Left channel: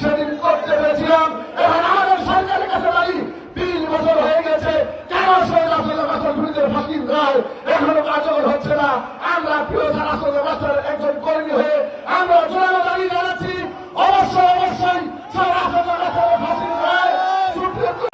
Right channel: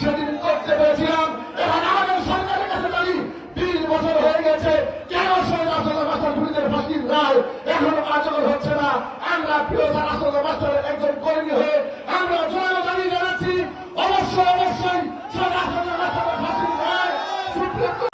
সেদিন করতে পেরেছিলাম। এখন আমাদের সরকারের কাছে দাঁড়ি 20 বছর হয়ে গেছে, কেন আসলে মাস্টার খুনিদের ফাঁসির রায় এখনো কার্যকর হচ্ছে না? আমরা প্রিয় আসলে মাস্টারের একজন কর্মী হয়ে আমরা জোরালো দাবি জানাচ্ছি, অবশ্যই সব আসলে মাস্টারের ফাঁসির রায় সুপ্রিম কোর্ট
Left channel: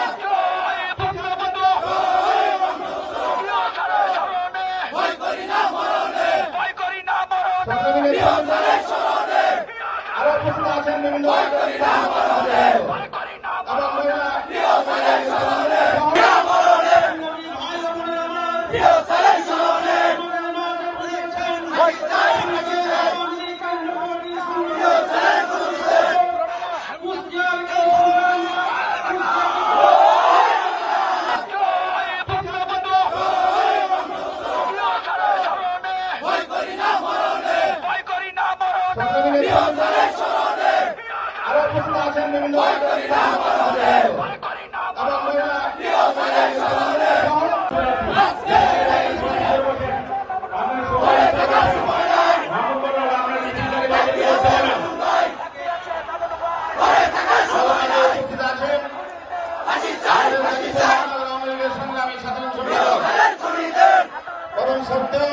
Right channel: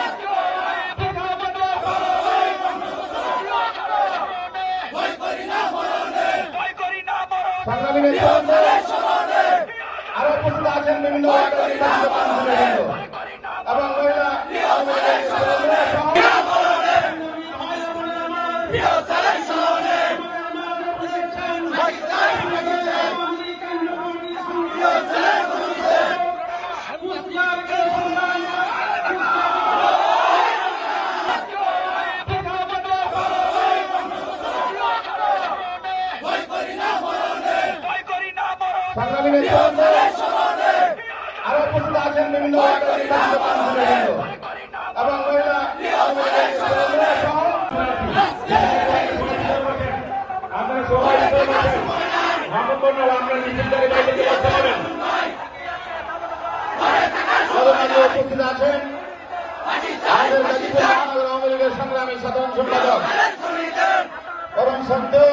উপস্থিত আছেন সংগ্রামী সাধারণ সম্পাদক এবং সত্ত্বে